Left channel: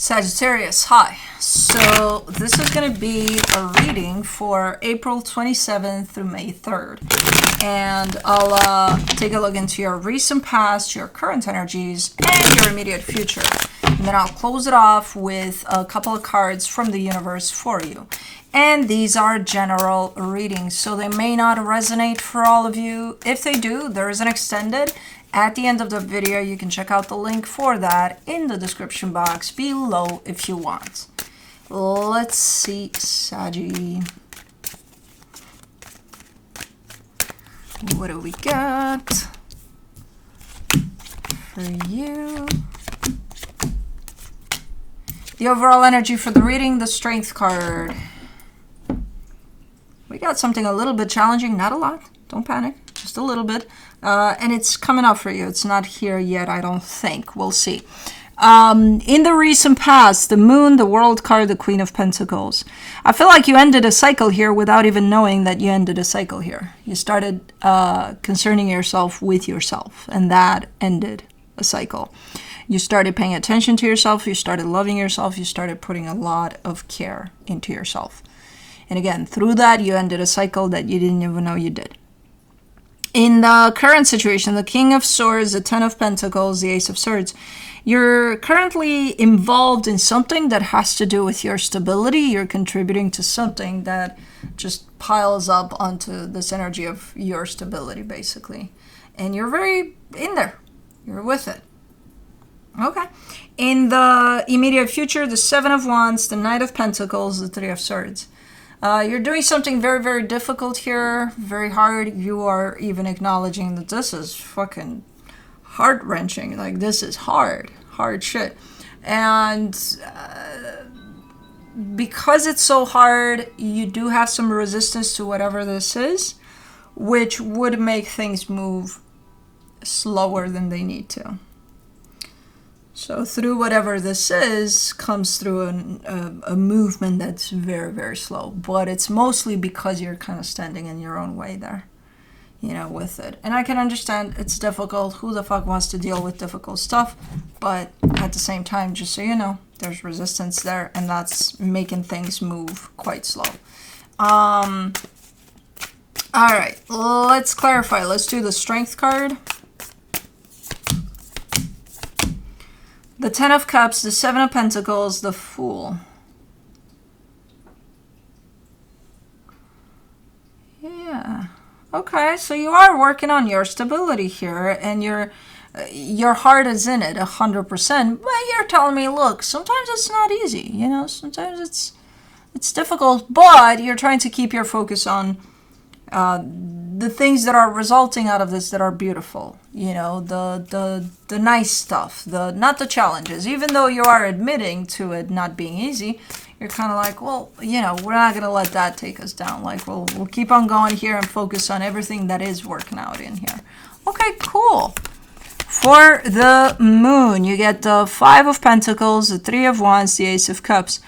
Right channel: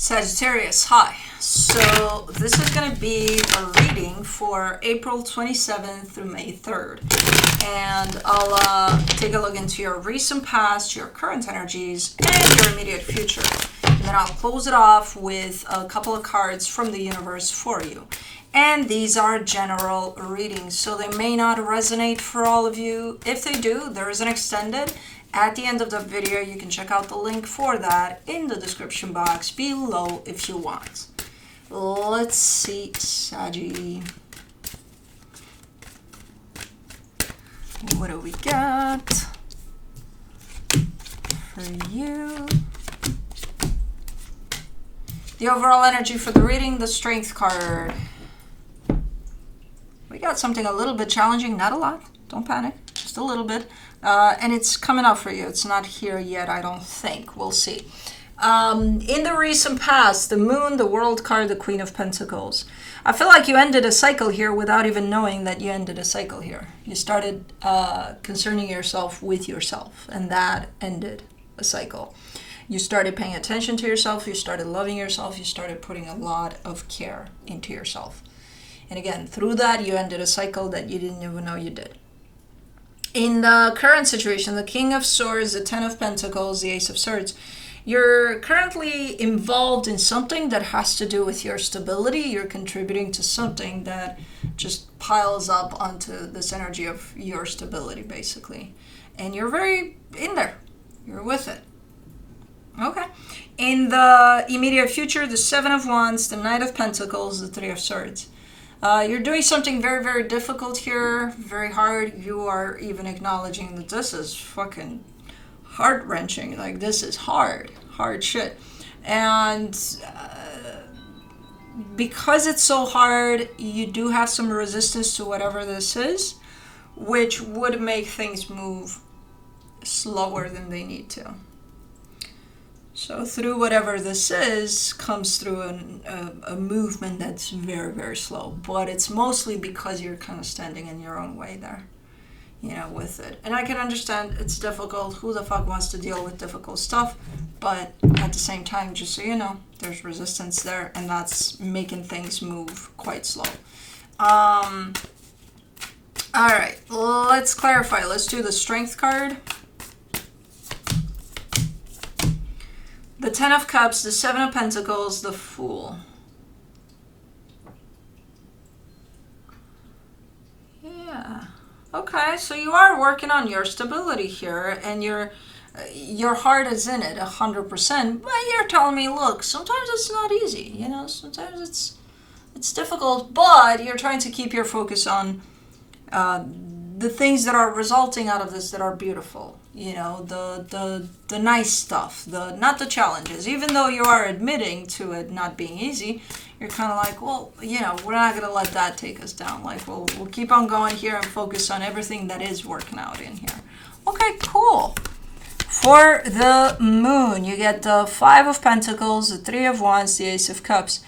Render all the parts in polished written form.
Sagittarius, hi. So this is going to be a reading for April 27th through May 3rd. And I'll take a look into your recent past, your current energies, and your immediate future. And then I'll close it off with a couple of cards from the universe for you. And these are general readings, so they may not resonate for all of you. If they do, there is an extended. At the end of the video, you can check out the link for that in the description box below if you want. Let's see, Saggy. What do we got for you? The overall energy for the reading, the Strength card. We got something a little bit challenging, not a lot. Don't panic, just a little bit. And it's coming up for you. It's not here yet, I don't think. We'll see. In the recent past, the Moon, the World card, the Queen of Pentacles. I feel like you ended a cycle here without even knowing that you ended a cycle here. You started concerning yourself with yourself, and that ended a cycle. You started paying attention to yourself. You started loving yourself. You started putting a lot of care into yourself. And again, through that, you ended a cycle that you didn't even know you did. In the current situation, the King of Swords, the Ten of Pentacles, the Ace of Swords, you're currently involved in something that has to do with your stability. You're contributing to something that just piles up onto this energy of your stability, basically. And you're very in there. You're with it. Okay. In the immediate future, the Seven of Wands, the Knight of Pentacles, the Three of Swords. You're doing something very, very difficult here, very hard. You are even acknowledging that this is fucking heart-wrenching. Like, this is hard shit. And because it's so hard, you do have some resistance to whatever this is, which would make things move slower than they need to. So through whatever this is, comes through a movement that's very, very slow. But it's mostly because you're kind of standing in your own way there, you know, with it. And I can understand it's difficult. Who the fuck wants to deal with difficult stuff? But at the same time, just so you know, there's resistance there, and that's making things move quite slow. All right, let's clarify. Let's do the Strength card. The Ten of Cups, the Seven of Pentacles, the Fool. Yeah. Okay, so you are working on your stability here, and your heart is in it 100%. But you're telling me, look, sometimes it's not easy. You know, sometimes it's difficult, but you're trying to keep your focus on the things that are resulting out of this that are beautiful, you know, the nice stuff, not the challenges. Even though you are admitting to it not being easy, you're kind of like, well, you know, we're not gonna let that take us down. Like, we'll keep on going here and focus on everything that is working out in here. Okay, cool. For the Moon, you get the Five of Pentacles, the Three of Wands, the Ace of Cups.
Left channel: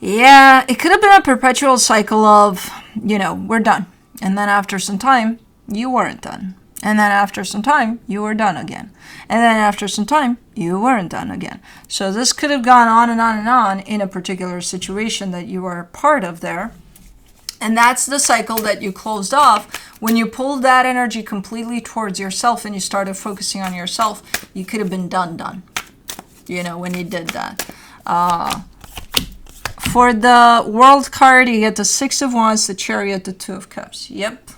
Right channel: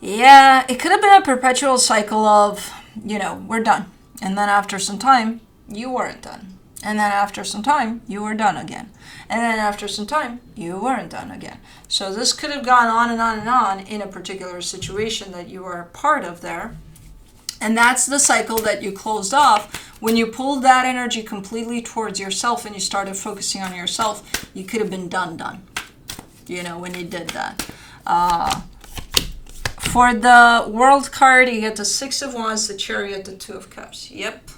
Yeah, it could have been a perpetual cycle of, you know, we're done. And then after some time, you weren't done. And then after some time, you were done again. And then after some time, you weren't done again. So this could have gone on and on and on in a particular situation that you were part of there. And that's the cycle that you closed off. When you pulled that energy completely towards yourself and you started focusing on yourself, you could have been done. You know, when you did that. For the World card, you get the Six of Wands, the Chariot, the Two of Cups. Yep.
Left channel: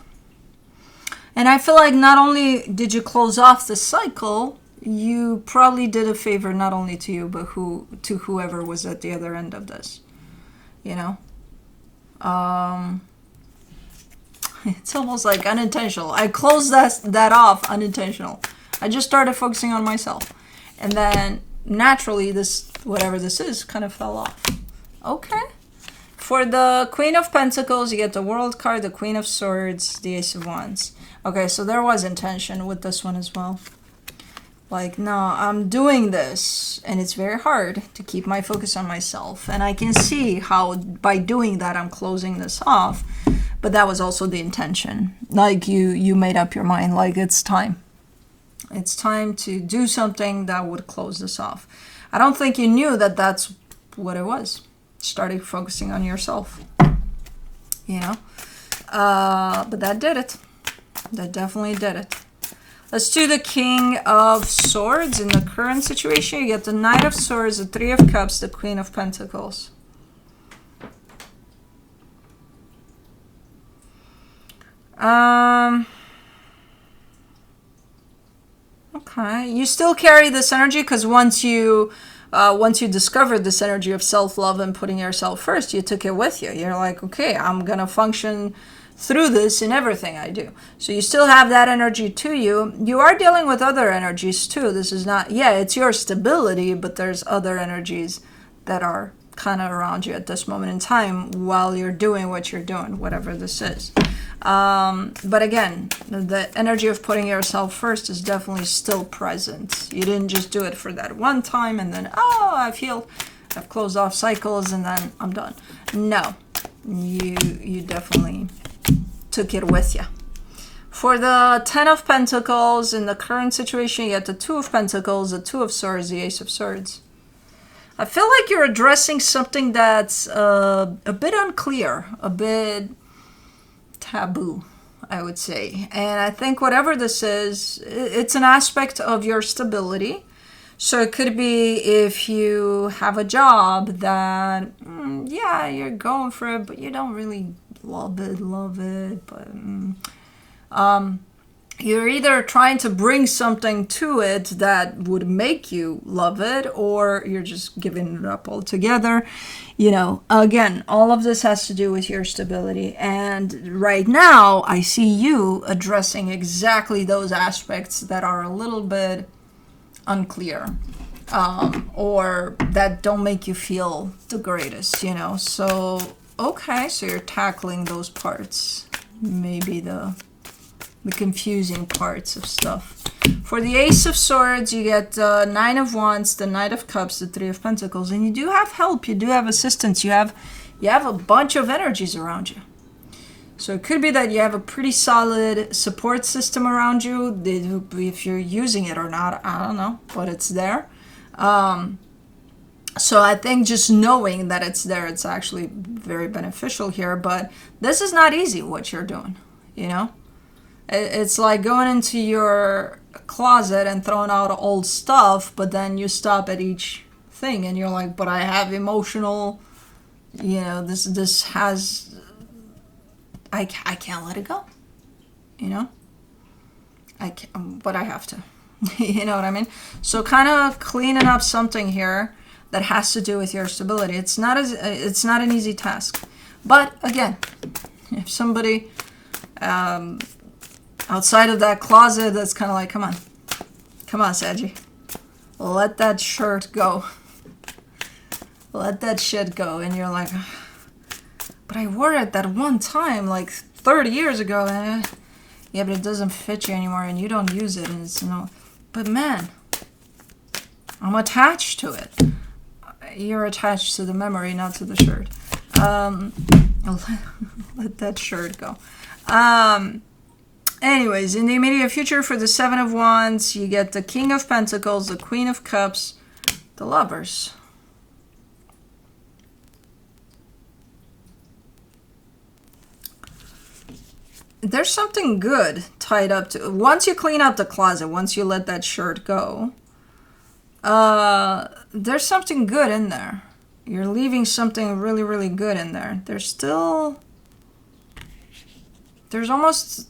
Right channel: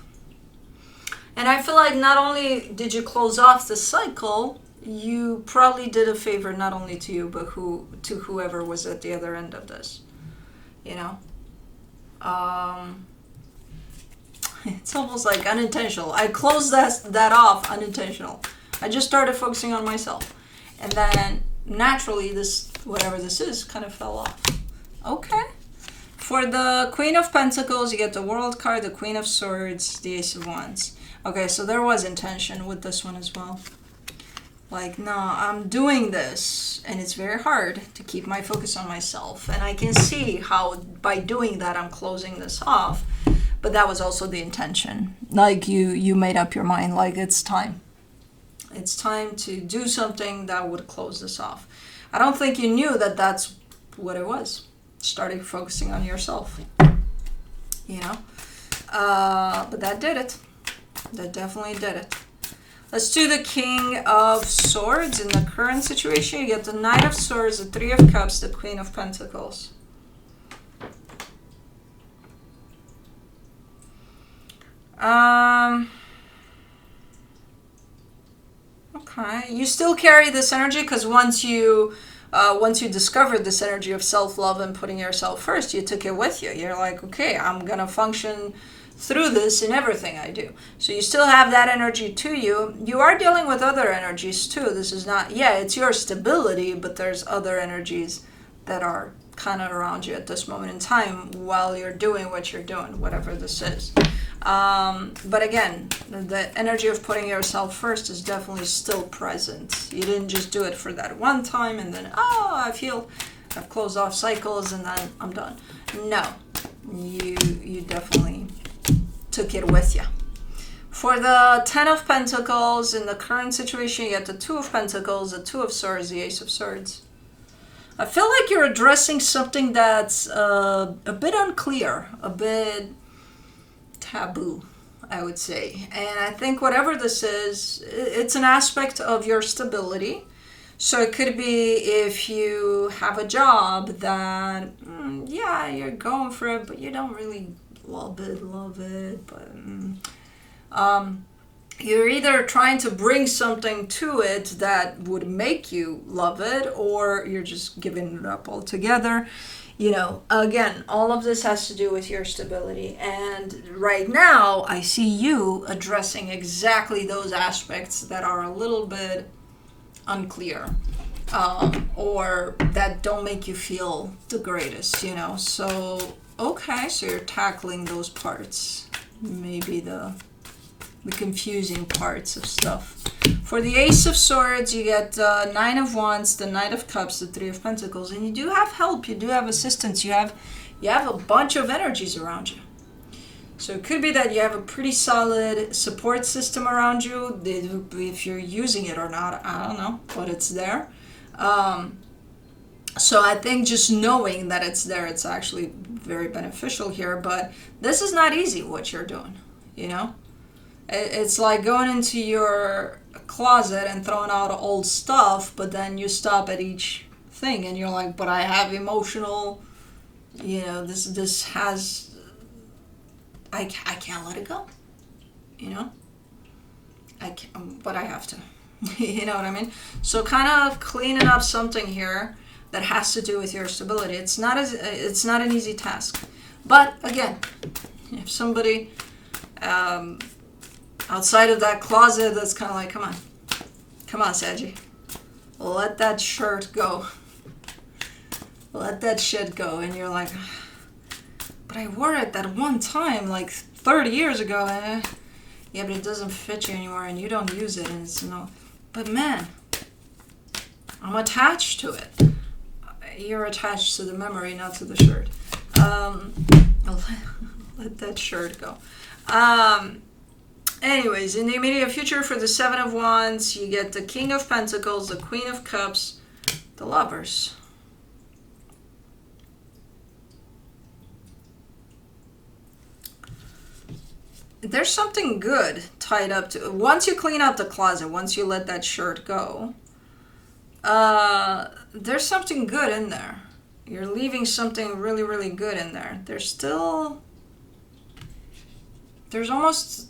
And I feel like not only did you close off the cycle, you probably did a favor not only to you, but to whoever was at the other end of this. You know? It's almost like unintentional. I closed that off unintentional. I just started focusing on myself. And then naturally, whatever this is, kind of fell off. Okay. For the Queen of Pentacles, you get the World card, the Queen of Swords, the Ace of Wands. Okay, so there was intention with this one as well. Like, no, I'm doing this, and it's very hard to keep my focus on myself. And I can see how by doing that, I'm closing this off. But that was also the intention. Like, you made up your mind, like, it's time. It's time to do something that would close this off. I don't think you knew that that's what it was. Started focusing on yourself, you know. But that did it. That definitely did it. Let's do the King of Swords. In the current situation, you get the Knight of Swords, the Three of Cups, the Queen of Pentacles. Okay, you still carry this energy because once you discovered this energy of self-love and putting yourself first, you took it with you. You're like, okay, I'm gonna function through this in everything I do. So you still have that energy to you. You are dealing with other energies too. This is not, yeah, it's your stability, but there's other energies that are kind of around you at this moment in time while you're doing what you're doing, whatever this is. But again, the energy of putting yourself first is definitely still present. You didn't just do it for that one time and then, oh, I've closed off cycles and then I'm done. No, you definitely took it with you. For the Ten of Pentacles, in the current situation, you get the Two of Pentacles, the Two of Swords, the Ace of Swords. I feel like you're addressing something that's a bit unclear, a bit taboo, I would say. And I think whatever this is, it's an aspect of your stability. So it could be if you have a job that, yeah, you're going for it, but you don't really love it. But you're either trying to bring something to it that would make you love it, or you're just giving it up altogether. You know, again, all of this has to do with your stability. And right now, I see you addressing exactly those aspects that are a little bit unclear, or that don't make you feel the greatest, you know. So, okay, so you're tackling those parts. Maybe the confusing parts of stuff. For the Ace of Swords, you get Nine of Wands, the Knight of Cups, the Three of Pentacles, and you do have help, you do have assistance, you have a bunch of energies around you. So it could be that you have a pretty solid support system around you. If you're using it or not, I don't know, but it's there. So I think just knowing that it's there, it's actually very beneficial here. But this is not easy, what you're doing, you know? It's like going into your closet and throwing out old stuff, but then you stop at each thing and you're like, but I have emotional, you know, this has, I can't let it go, you know? I can't, but I have to, you know what I mean? So kind of cleaning up something here that has to do with your stability. It's not an easy task. But again, if somebody outside of that closet that's kind of like, come on, Saggy, let that shirt go. Let that shit go. And you're like, but I wore it that one time, like 30 years ago. And yeah, but it doesn't fit you anymore and you don't use it. And it's no, but man, I'm attached to it. You're attached to the memory, not to the shirt. Let that shirt go. Anyways, in the immediate future, for the Seven of Wands, you get the King of Pentacles, the Queen of Cups, the Lovers. There's something good tied up to... Once you clean out the closet, once you let that shirt go, there's something good in there. You're leaving something really, really good in there. There's almost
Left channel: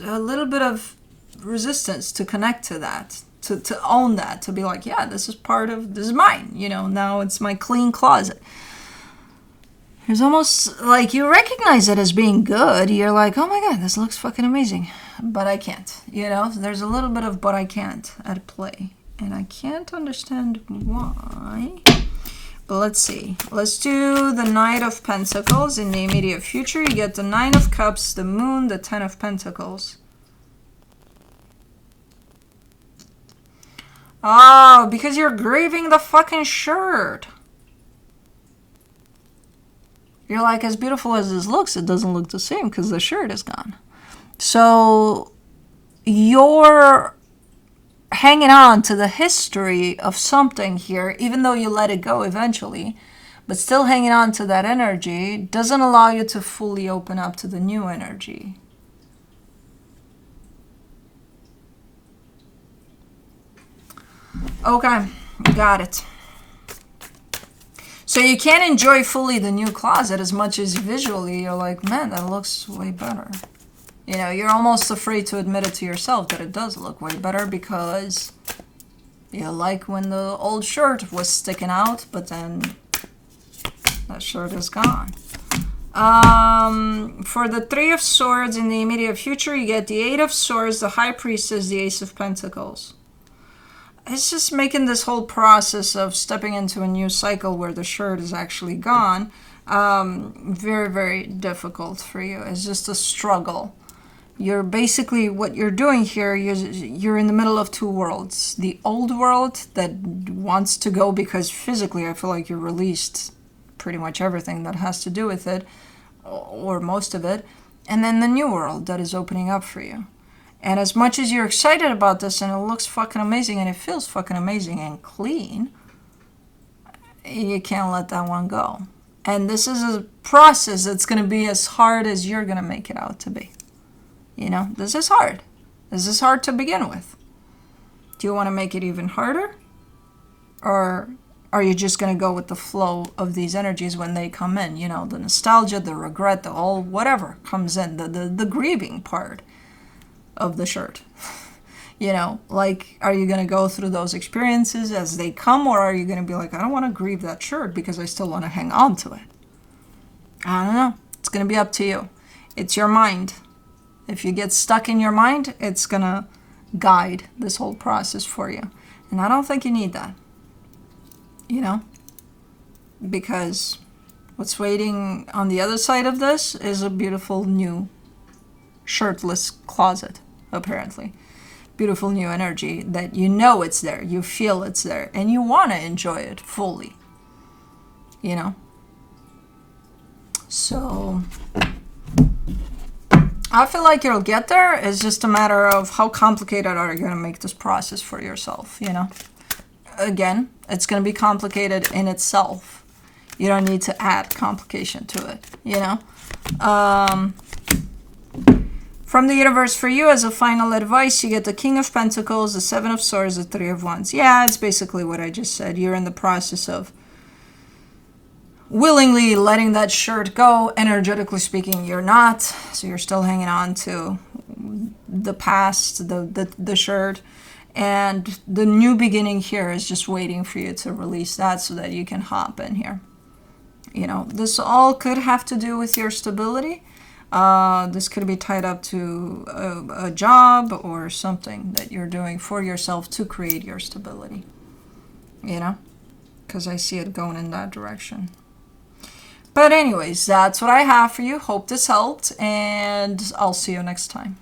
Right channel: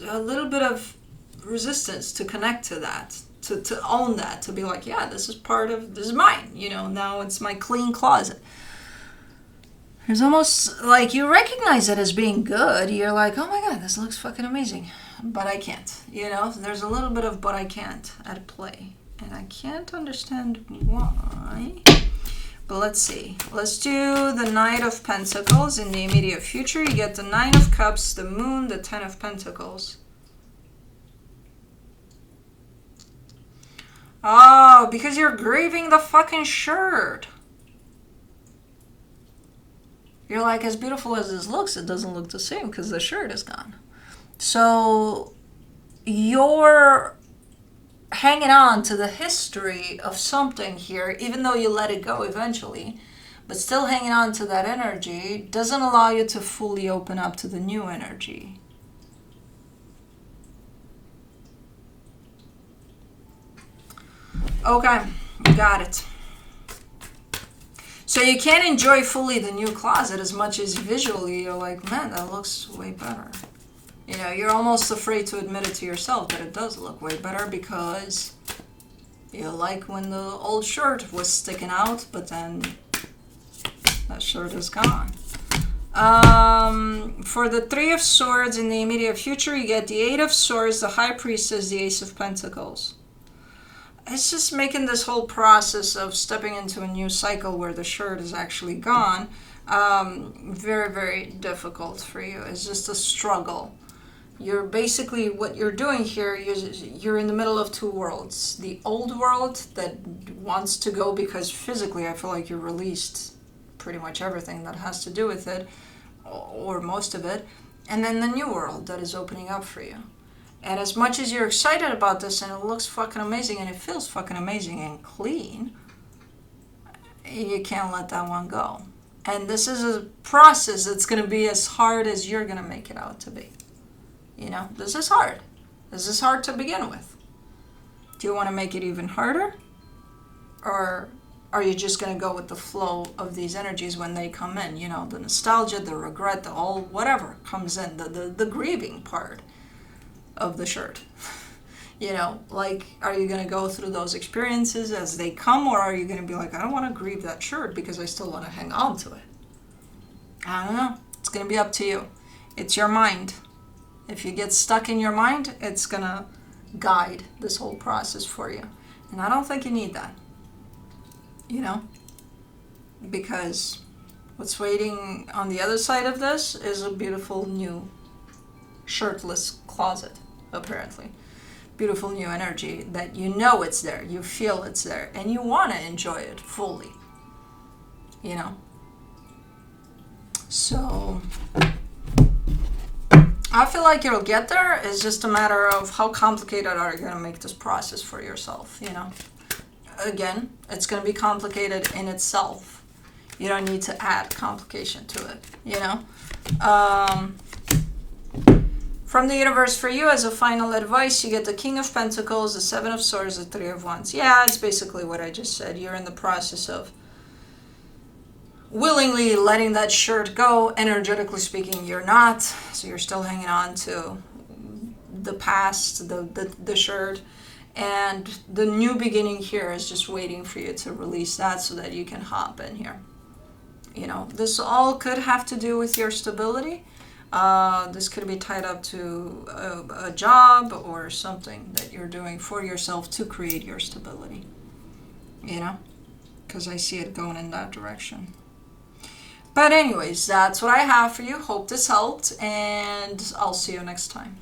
a little bit of resistance to connect to that, to own that, to be like, yeah, this is mine, you know, now it's my clean closet. There's almost like you recognize it as being good. You're like, oh my God, this looks fucking amazing, but I can't, you know. There's a little bit of but I can't at play, and I can't understand why. But let's see. Let's do the Knight of Pentacles. In the immediate future, you get the Nine of Cups, the Moon, the Ten of Pentacles. Oh, because you're grieving the fucking shirt. You're like, as beautiful as this looks, it doesn't look the same because the shirt is gone. So you're hanging on to the history of something here, even though you let it go eventually, but still hanging on to that energy doesn't allow you to fully open up to the new energy. Okay, got it. So you can't enjoy fully the new closet as much as visually you're like, man, that looks way better. You know, you're almost afraid to admit it to yourself that it does look way better because you like when the old shirt was sticking out, but then that shirt is gone. For the Three of Swords in the immediate future, you get the Eight of Swords, the High Priestess, the Ace of Pentacles. It's just making this whole process of stepping into a new cycle where the shirt is actually gone very, very difficult for you. It's just a struggle. You're basically, what you're doing here, you're in the middle of two worlds. The old world that wants to go because physically I feel like you're released pretty much everything that has to do with it, or most of it. And then the new world that is opening up for you. And as much as you're excited about this and it looks fucking amazing and it feels fucking amazing and clean, you can't let that one go. And this is a process that's going to be as hard as you're going to make it out to be. You know, this is hard. This is hard to begin with. Do you want to make it even harder? Or are you just going to go with the flow of these energies when they come in? You know, the nostalgia, the regret, the all whatever comes in, the grieving part of the shirt. You know, like, are you going to go through those experiences as they come, or are you going to be like, I don't want to grieve that shirt because I still want to hang on to it? I don't know. It's going to be up to you. It's your mind. If you get stuck in your mind, it's going to guide this whole process for you. And I don't think you need that. You know? Because what's waiting on the other side of this is a beautiful new shirtless closet, apparently. Beautiful new energy that you know it's there, you feel it's there, and you want to enjoy it fully. You know? So I feel like you'll get there. It's just a matter of how complicated are you going to make this process for yourself, you know? Again, it's going to be complicated in itself. You don't need to add complication to it, you know? From the universe for you, as a final advice, you get the King of Pentacles, the Seven of Swords, the Three of Wands. Yeah, it's basically what I just said. You're in the process of willingly letting that shirt go. Energetically speaking, you're not. So you're still hanging on to the past, the shirt. And the new beginning here is just waiting for you to release that so that you can hop in here. You know, this all could have to do with your stability. This could be tied up to a job or something that you're doing for yourself to create your stability. You know? Because I see it going in that direction. But anyways, that's what I have for you. Hope this helped, and I'll see you next time.